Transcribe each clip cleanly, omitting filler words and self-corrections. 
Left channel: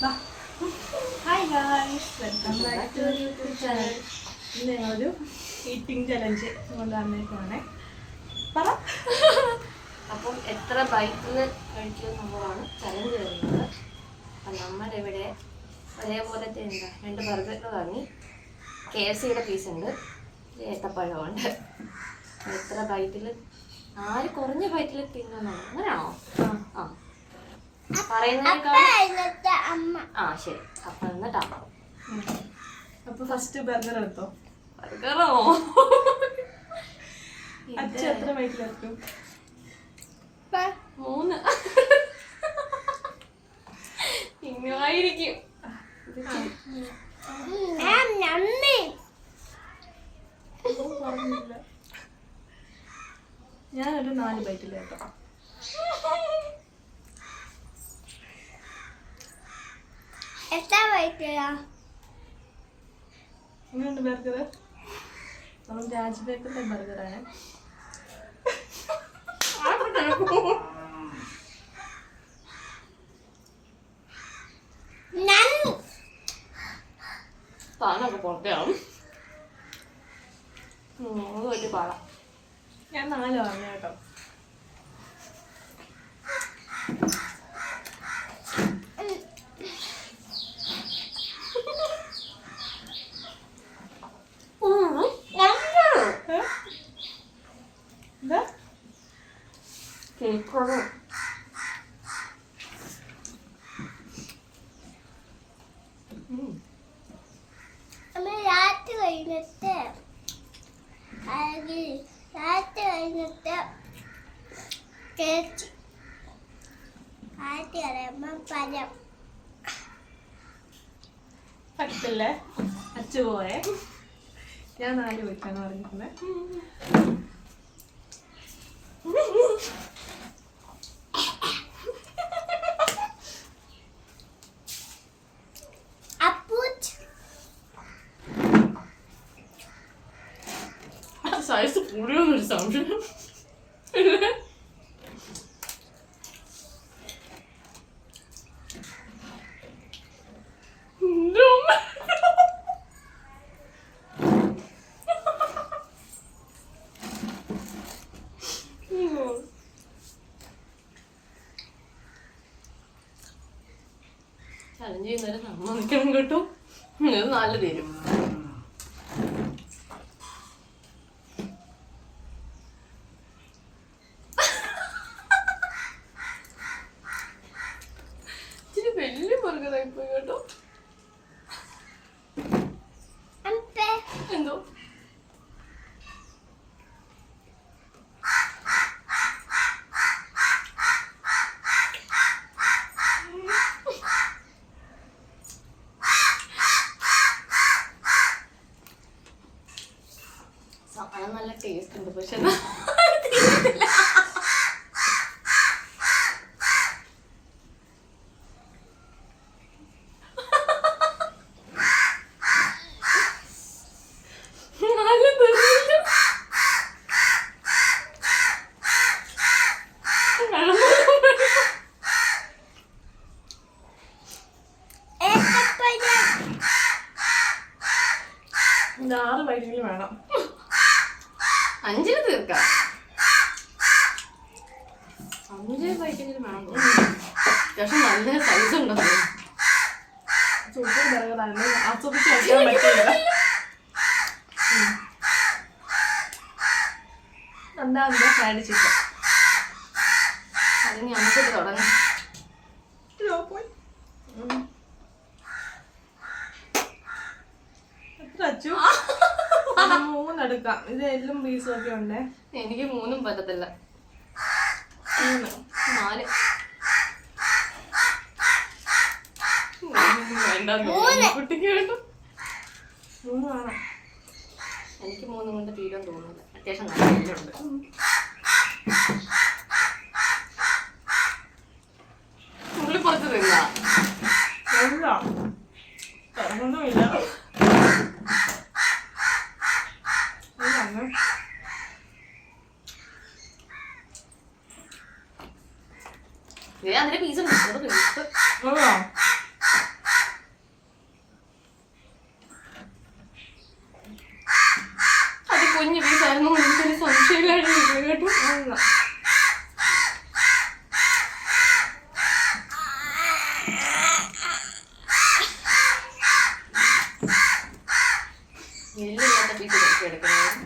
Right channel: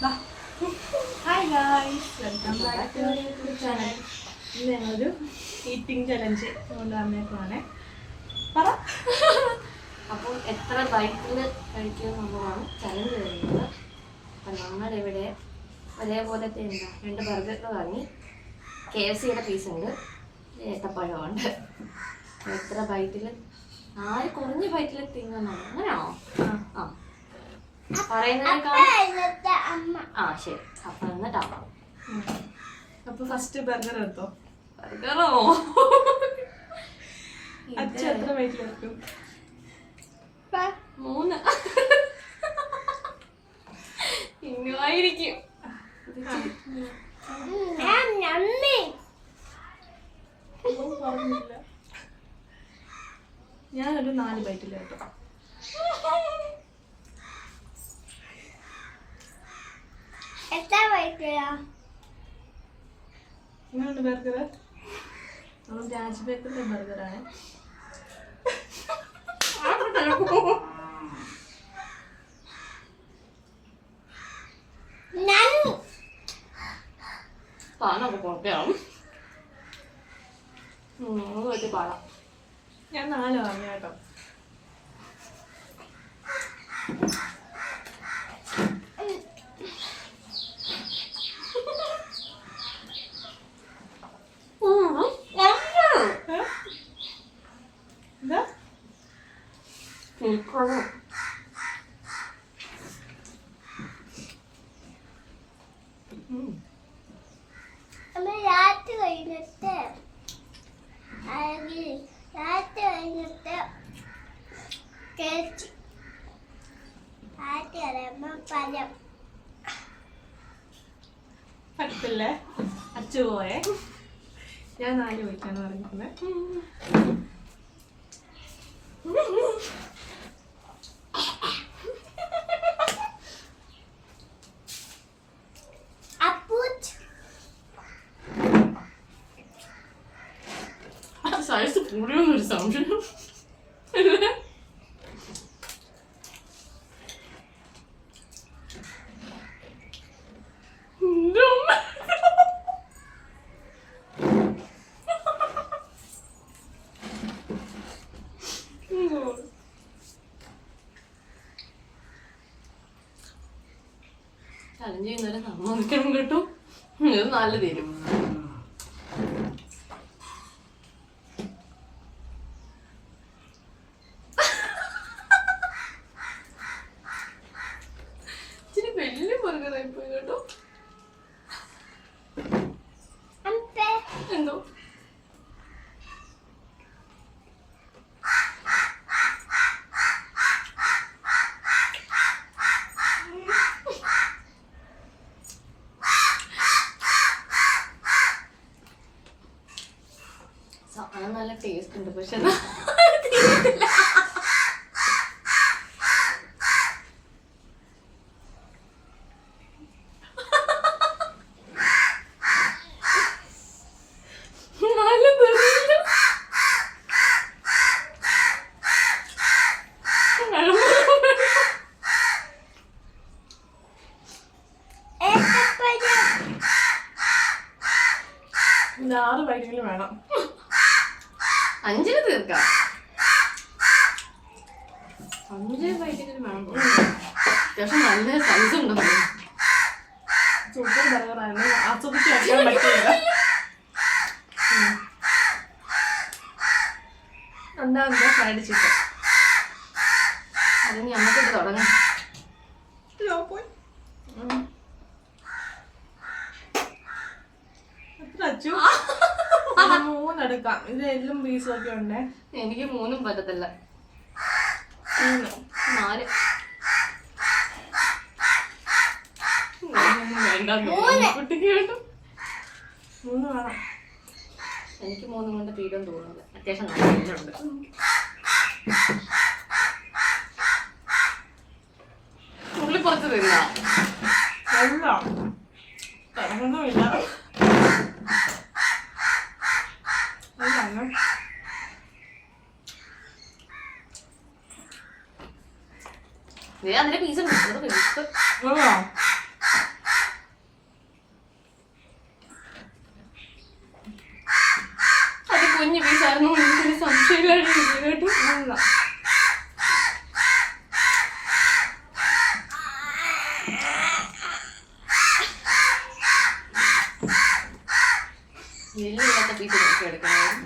Hi guys, welcome back to YouTube channel. ഇന്ന് ഞങ്ങളൊരു eating challenge കൊണ്ട് വന്നേക്കുവാണേ. പറ. അപ്പം എത്ര ബൈക്കിൽ കഴിക്കുമെന്നുള്ളതാണ് ചലഞ്ച് വരുന്നത്. അപ്പം നമ്മളിവിടെ ഒരേപോലത്തെ രണ്ട് ബർഗർ വാങ്ങി, KFCയുടെ പീസ് ഉണ്ട്, ഏത്തപ്പഴമുണ്ട്. എത്ര ബൈറ്റിൽ ആര് കുറഞ്ഞ ബൈറ്റിൽ തിന്നുന്നതാണ്, അങ്ങനെയാണോ? ആ ശരി. അപ്പൊ എന്നിട്ടാ അപ്പൊ ഫസ്റ്റ് ബർഗർ എടുത്തോ. ബർഗറോ? അച്ഛ എത്ര വെയിറ്റിലെടുക്കും? 3. ഇങ്ങായിരിക്കും. ഞാനൊരു 4 ബൈറ്റിൽ കേട്ടോ. ഇങ്ങനെയുണ്ട് ബർഗർ. നമ്മൾ രാജ്ബേക്കറിന്റെ ബർഗറാണ്. താനൊക്കെ പുറത്തെയാവും. പാടാം. ഞാൻ 4 വാങ്ങി കേട്ടോ. പറ്റില്ലേ? അച്ചു പോയേ. ഞാൻ 4 വയ്ക്കാണ് പറഞ്ഞിരിക്കുന്നത്. സൈസ് കൂടിയൊന്നൊരു സംശയം. ചലഞ്ച് ചെയ്യുന്നവരെ സമ്മതിക്കണം കേട്ടോ. ഇത് നല്ല തരും. ഇച്ചിരി വലിയ ബർഗറായി പോയി കേട്ടോ. എന്തോ സാധനം നല്ല ടേസ്റ്റ് ഉണ്ട്, പക്ഷെ ഇത് 6 ബൈറ്റെങ്കിലും വേണം. 5 തീർക്കാം. 5 ബൈറ്റെങ്കിലും വേണം. അത്യാവശ്യം നല്ല സൈസ് ഉണ്ടോ. സൂപ്പർ ബർഗറാണ്, ആസ്വദിച്ച് കഴിക്കാൻ പറ്റില്ല. രണ്ടാമത്തെ ഫ്രൈഡ് ചിക്കൻ. അത് ഞങ്ങൾക്ക് തുടങ്ങാം. എത്ര അച്ചു? 3 എടുക്കാം. ഇത് എല്ലും പീസും ഒക്കെ ഉണ്ടേ. എനിക്ക് 3 പറ്റത്തില്ല. 3 4 കുട്ടിക്ക് കേട്ടോ. 3 വേണം. എനിക്ക് 3 കൊണ്ട് തീരാൻ തോന്നുന്നത്. അത്യാവശ്യം നല്ല എല്ലുണ്ട്. ഉള്ളി പുറത്ത് തരില്ല. എല്ലാം ഇറങ്ങുന്നുമില്ല. അതിന്റെ പീസ് എല്ലില്ലാത്ത പീസ് നോക്കി എടുക്കണം.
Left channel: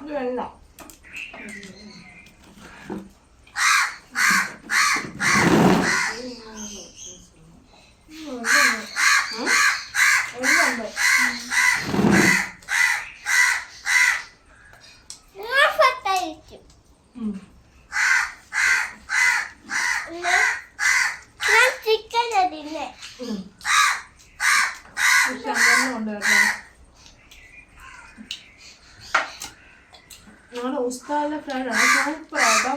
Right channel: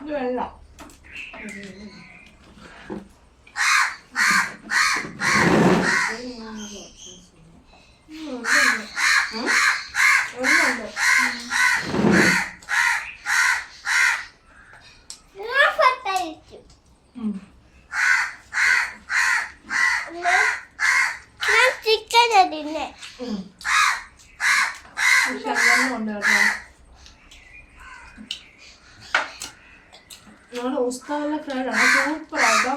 ഇത് വെള്ളം ഞങ്ങളുടെ ഉസ്താദിലെ ഫ്രൈഡാണ് സൂപ്പറാട്ടോ.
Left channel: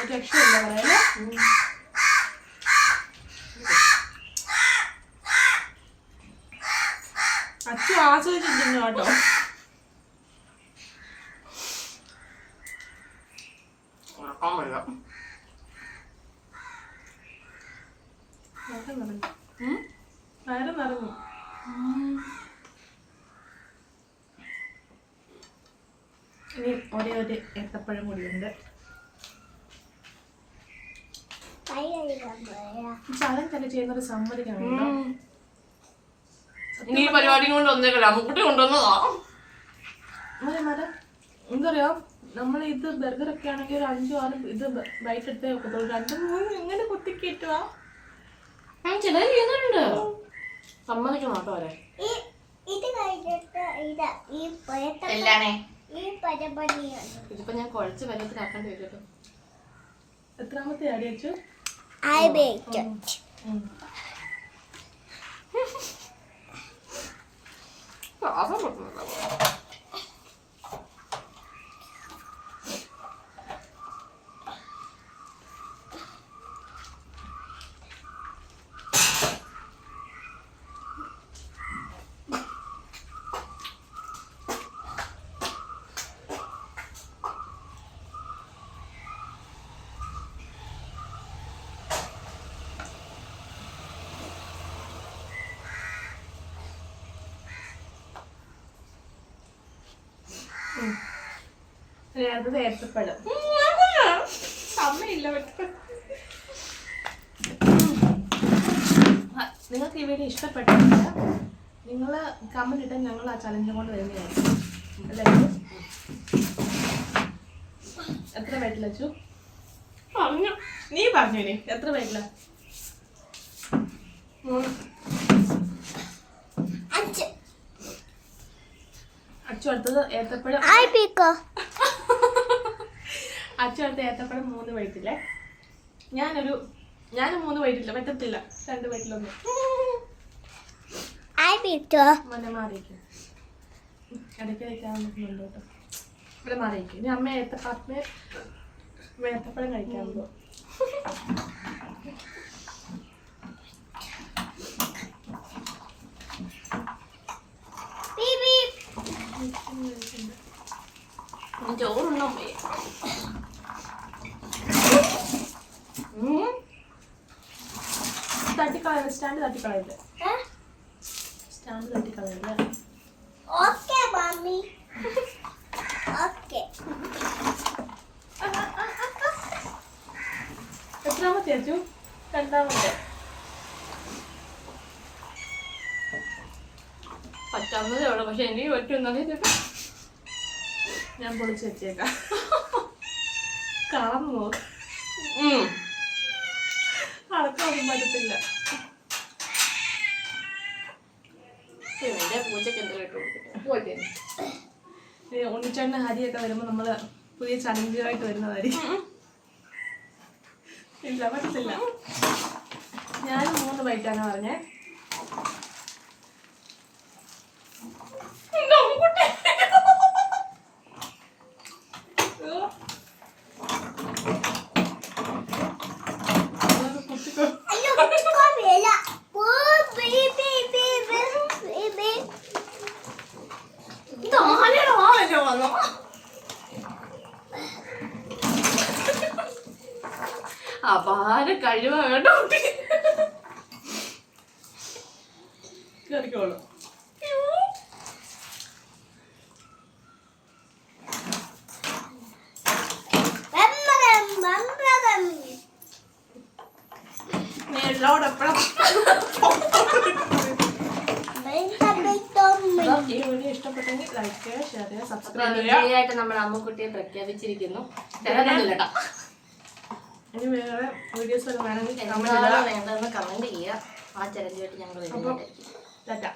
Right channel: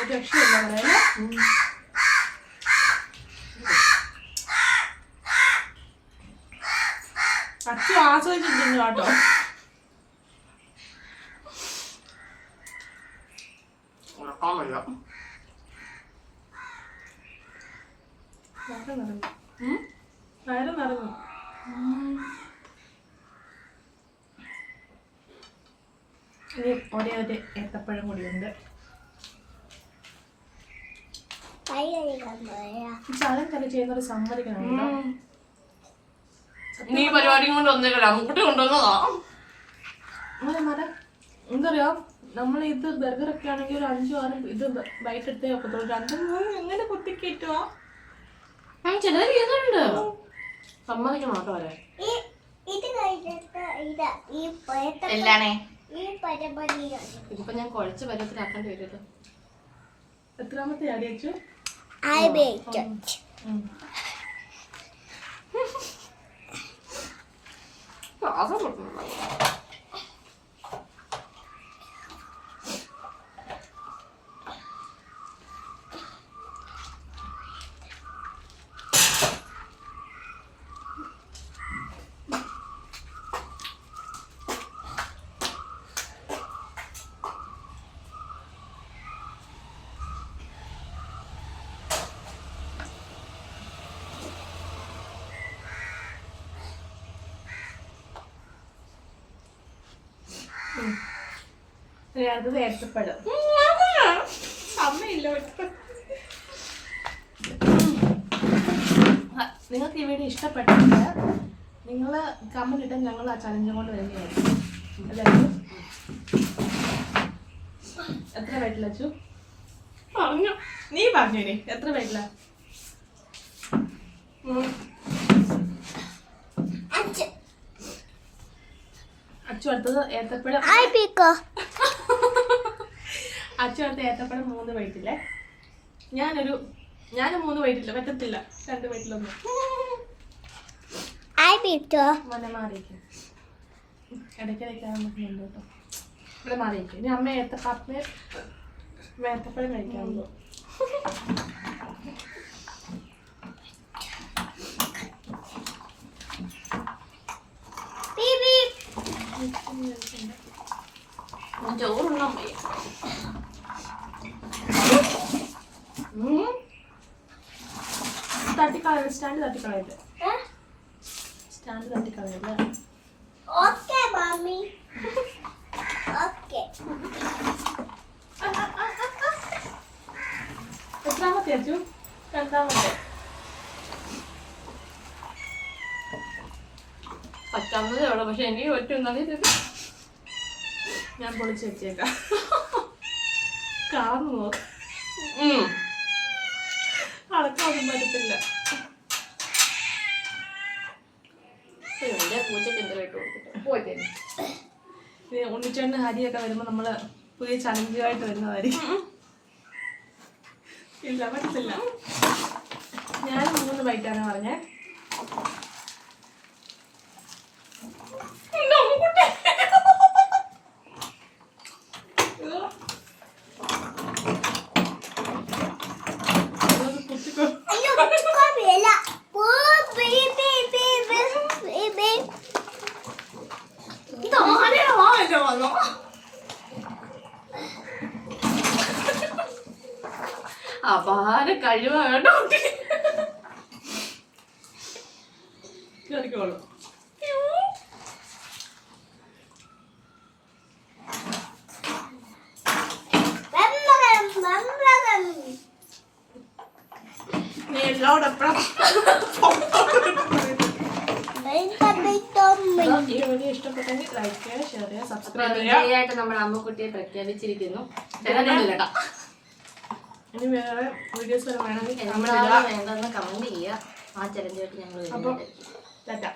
ഒരു രക്ഷയില്ല പറയല്ലേ. അച്ഛൻ ആസ്വദിച്ചിട്ടുണ്ട് കേട്ടോ. വയറ് നിറഞ്ഞു. ഇനി ഒരേ ഒരു ഏത്തപ്പഴം കൂടിയുണ്ട്. ചലഞ്ചൊക്കെ ചെയ്യുന്നൊരു സമ്മതിക്കണം കേട്ടോ. നീ പരിപാടി കൊണ്ട് വന്നേക്കല്ല, അമ്മുക്കുട്ടി കൊണ്ടുവന്നതാ. എന്തറിയോ, നമ്മൾ ഇത് ബർഗറൊക്കെ ആണെങ്കിൽ ഒരു 5-6 ഇത് ബൈറ്റ് എടുത്തേ ഒക്കത്തുള്ളൂ. 2-3 എങ്ങനെ കുത്തിക്കേറ്റുവാ. ചിലർ ചെയ്യുന്നുണ്ട്, സമ്മതിക്കണം കേട്ടോ. അവരെ ഇതിപ്പോ ഞാൻ കുഴച്ച് പരുവത്തിലാക്കേണ്ടി വരും. എത്രാമത്തെ ആടി വെച്ചു? ശ്വാസം പൊട്ടുന്നുണ്ടോ? അടുത്തത് ഏത്തപ്പഴം. അമ്മയില്ല. നിങ്ങൾക്ക് ഈ വീഡിയോ ഇഷ്ടപ്പെട്ടില്ല, നിങ്ങൾ കമന്റ് ഇട്ടാൽ ഞങ്ങൾ ആ ചലഞ്ച് കൊണ്ട് വരുന്നതായിരിക്കും. അല്ലേ? എത്ര വെയിറ്റില അച്ചു? നീ പറഞ്ഞു ഇനി എത്ര വെയിറ്റില? 5. അച്ചു അടുത്തത് ഏത്തപ്പഴം. അച്ചു അടുത്ത ഏത്തപ്പഴം 3 വെയിറ്റില്ലേ. ഞാൻ 3 വെയിറ്റില്ല, പറ്റത്തില്ല. 2 വെയിറ്റിലൊന്നും മനെ മാറിയിരിക്കും. ഇടയ്ക്കിടയ്ക്കാണ് നോക്കുന്നുണ്ട് കേട്ടോ. ഇവിടെ മാറിയിരിക്കും. ഇനി അമ്മ ഏത്തപ്പഴം കഴിക്കാൻ പോകും. ചോറുണ്ണാൻ തട്ടിക്കളയല്ലേ, സ്റ്റാൻഡ് തട്ടിക്കളയല്ലേ, സ്റ്റാൻഡ് തട്ടിക്കളയല്ലേ. എത്രാമത്തെ അച്ചു? 2ാമത്തെ. പറ്റാവുന്നതേ ഉള്ളൂ, പക്ഷെ എനിക്ക് പറ്റുന്നത് ഞാൻ പൊളിച്ച് വെച്ചേക്കാം. കാർന്ന് നോക്ക്. അളക്കൊന്നും പറ്റത്തില്ല. പൂച്ചക്ക് എന്തെങ്കിലും പോയിട്ടേ ഉണ്ണിച്ചേട്ടന് ഹരിയൊക്കെ വരുമ്പോ നമ്മള് പുതിയ ചലഞ്ചുമായിട്ട് വരുന്നതായിരിക്കും. ഇല്ല, പറ്റത്തില്ല. ഞാൻ 3 ബൈറ്റാണ് പറഞ്ഞേ. അപാര കഴിവാ കേട്ടോ. കേറിക്കോളൂ. എന്നോട് എപ്പോഴും ഈ വീഡിയോ ഇഷ്ടപ്പെട്ടെങ്കിൽ ലൈക്ക് ചെയ്യുക, ഷെയർ ചെയ്യുക, സബ്സ്ക്രൈബ് ചെയ്യുക. ആയിട്ട് നമ്മുടെ അമ്മക്കുട്ടിയെ പ്രഖ്യാപിച്ചിരിക്കുന്നു. കേട്ടോ ഇനി വേറെ വീഡിയോസ് വല്ലതും വേണമെങ്കിൽ കമന്റ് എന്താണോ ഇടുക. വേണ്ടതെന്ന് കമന്റ് ചെയ്യുക. ആ ചലഞ്ചുമായിട്ട് ഞങ്ങൾ അപ്പം വരുന്നതായിരിക്കും. ടാറ്റ.